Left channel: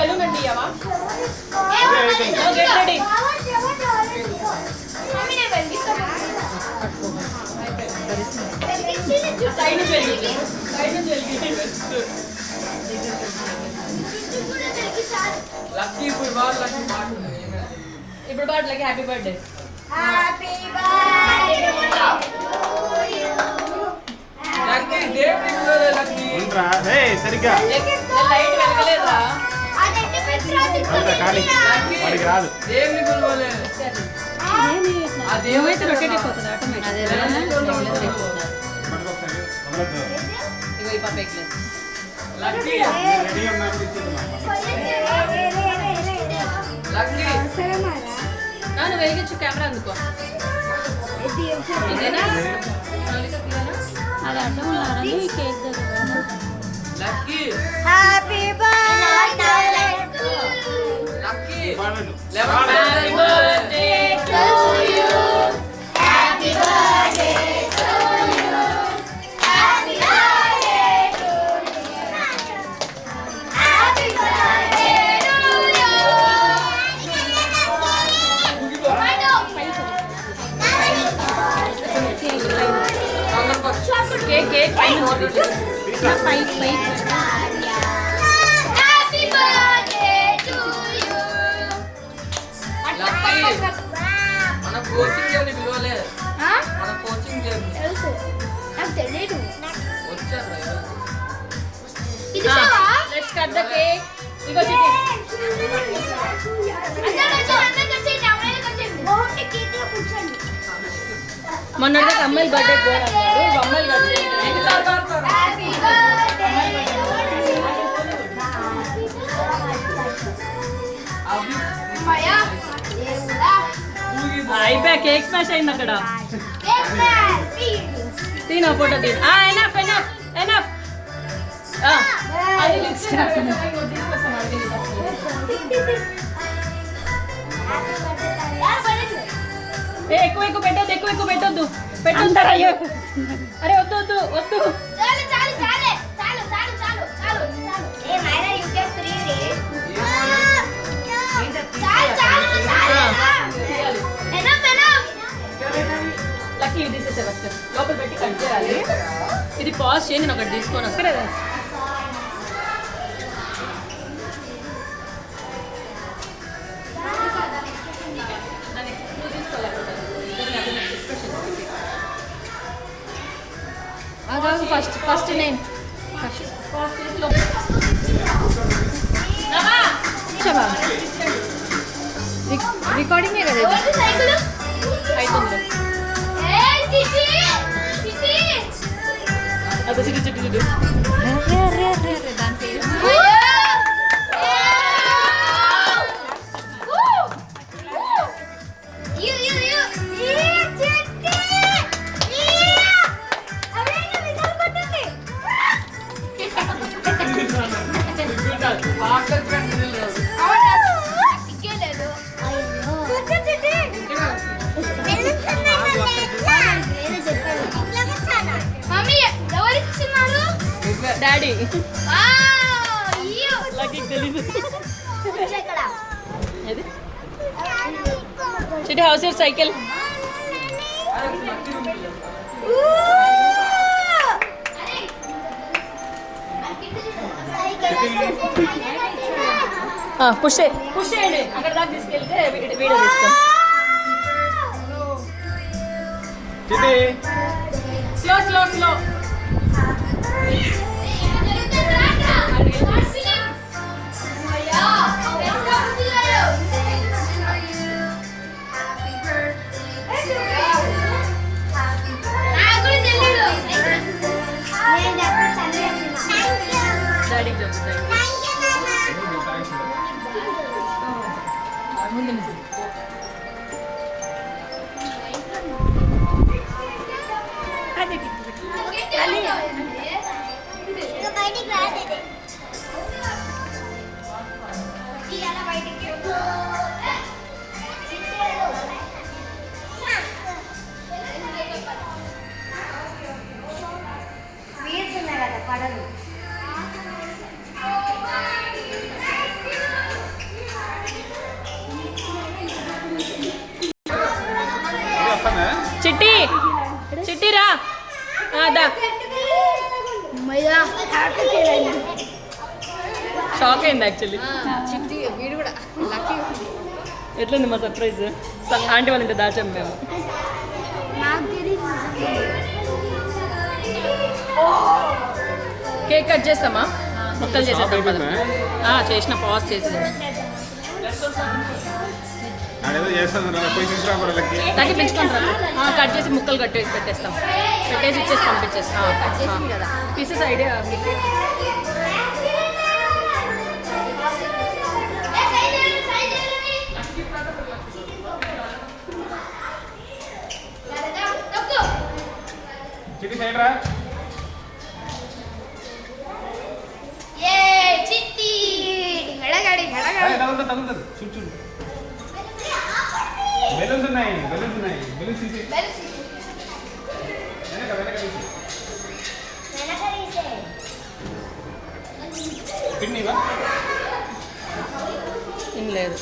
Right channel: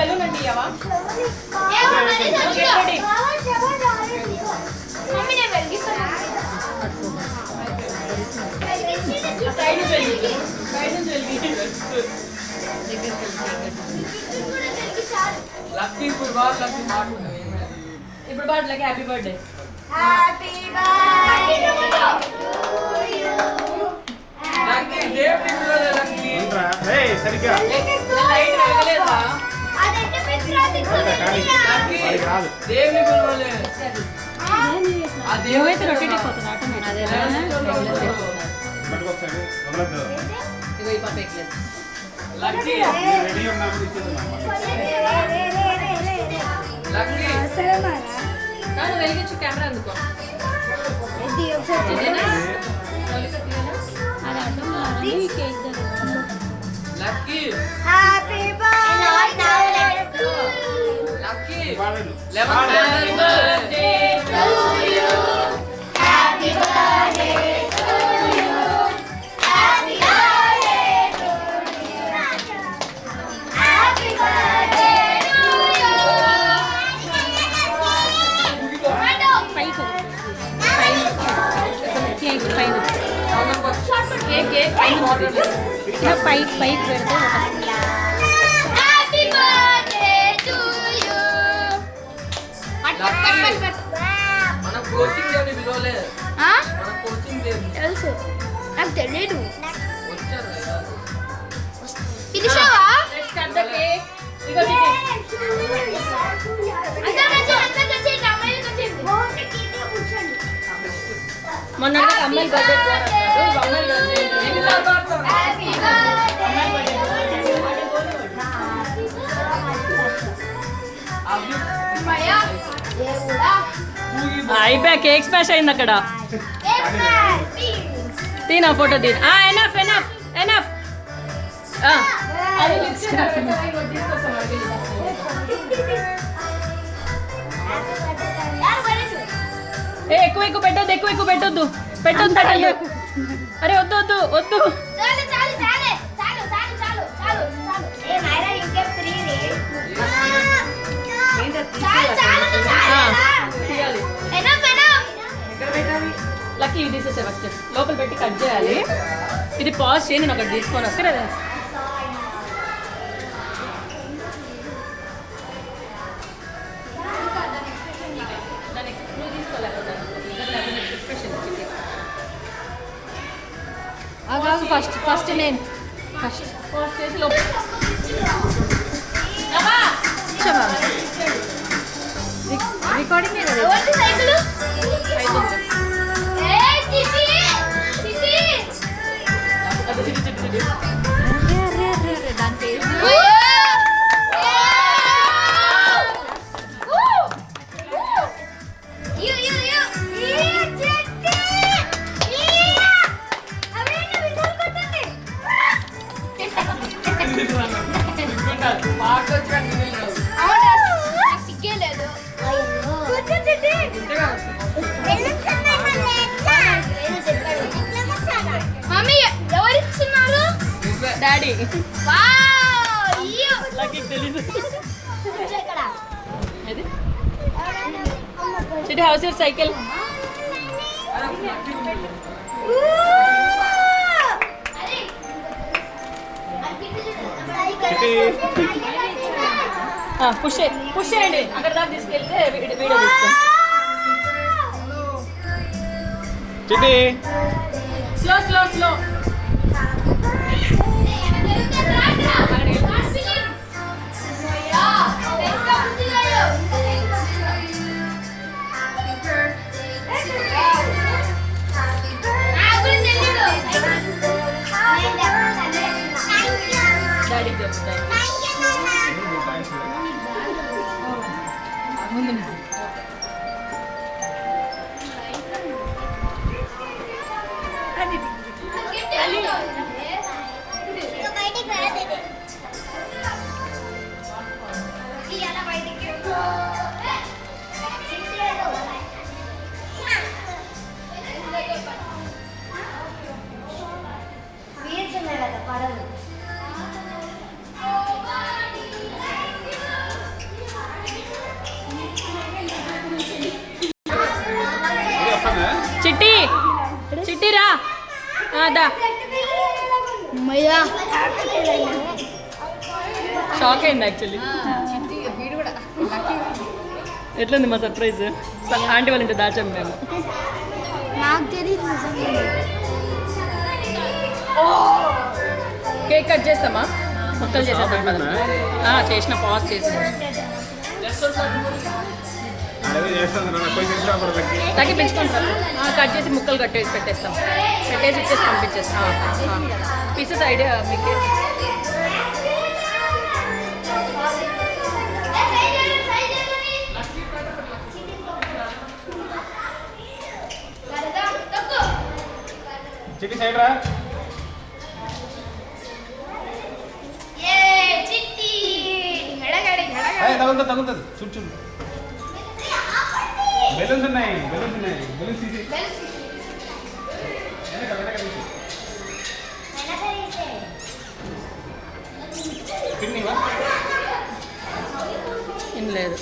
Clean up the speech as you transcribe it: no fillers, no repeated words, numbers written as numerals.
Balloon అండి ఇవ్వవా? Get ready. Side నుంచి వెలిగి, సైడ్ నుంచి వెలిగి. లక్కీ ఇప్పుడు బాగా లక్కీ మాట్లాడు. ఇప్పుడు బాట్లకి happy birthday. Happy birthday Lucky దేవుడి పిల్లలే లక్కీ. ఏయ్ సరిగ్గా లైట్ వెలగలేదా? అదంటే మిత్రాది అది రాదు. దేవుని పిల్లలే. ఆ దేవుడైతే రొటేట్ అయిపోతుంది ఆటోమేటిక్. పట్టుకోసారి వదలద్దు. ఇగో ఈ పాప ఎక్లెస్. లక్కీ రెడీ ఉన్నప్పుడు ఇచ్చేద్దాం. లక్కీ నాన్న వెలిగించు కెమెరా అందుకో. ఇదేనా? అది అర్థం ఉన్నారని కేక్ దగ్గర. లక్కీ హ్యాపీ బర్త్డే లక్కీ పాడండి. 11 birthday to you. Happy birthday to you happy birthday to you happy birthday to you cake cake పై పై హ్యాపీ బర్త్డే టు యు మన కోచింగ్ దేవుని పిల్లలే. మన కోచింగ్ దేవుని తెలుసు నాకు తెలియదు వచ్చారు. పిలిచావా లెట్స్ కట్ ద కేక్. ఇగో చిట్టి. మొన్న అమ్మాయి బర్త్డే అమ్మాయి బర్త్డే అయిపోయా. కేక్ స్మాష్ అయింది అక్కడ. తీనా ఫోటో తీ. Enough enough enough. అది ఎక్కువ ఎక్కువ పెట్టొద్దు, ఎక్కువ ఎక్కువ పెట్టొద్దు, పెట్టొద్దు. అరే వద్దు వద్దు వద్దు. లక్కీ ఇవి తీసేసే ఫస్ట్ లోపల పెట్టి కట్ చేయాలి. ఇది పాజ్ చేయండి, నేను ఒకటి తీసుకొని వస్తా. ఫస్ట్ ఫస్ట్ నేను ఫస్ట్ చేసి లోపల రికార్డింగ్ కదా అవుతుంది. అది చిటి చిటి చిటి దాని పేరు డాడీ. చిటి house your cycle. Push push చేయండి, అక్కడ దాకా తీసుకెళ్తే వీడియో తీస్తాం. Slow slow slow. డాడీ చెప్తాయి ముందు పడదు దా అమ్మయ్యా షాక్ అయింది యాక్చువల్లీ. ఎట్లుంది మా సర్ప్రైజ్? ఆంటీ వాళ్ళ ఇంటి దాచాం మేము. నాకు తెలియదు కేక్ కట్ చేస్తామా? ముక్కలు చేసేద్దాం పద. చేసిన పాజ్ చేసి అదేదో చేస్తుంది రా, పోయి తీసుకురా వాళ్ళకి. తగ్గి పెంచుకుంటారు. కట్ చేసి ముక్కలు కట్టేసి పెట్టేస్తాం. పెట్టేసి ఇచ్చేసి పంపించేస్తాం. పీసెస్ ఐడియా చిట్టి సైడ్ రా. ఏ చిట్టి గడగడి ఏయ్, తగులుతుంది చూడు చూడు. బెలూన్స్ ఉన్నాయి బెలూన్స్ తీసి వెనక తీసి. కిడ్నీవా? ఏం లేదు.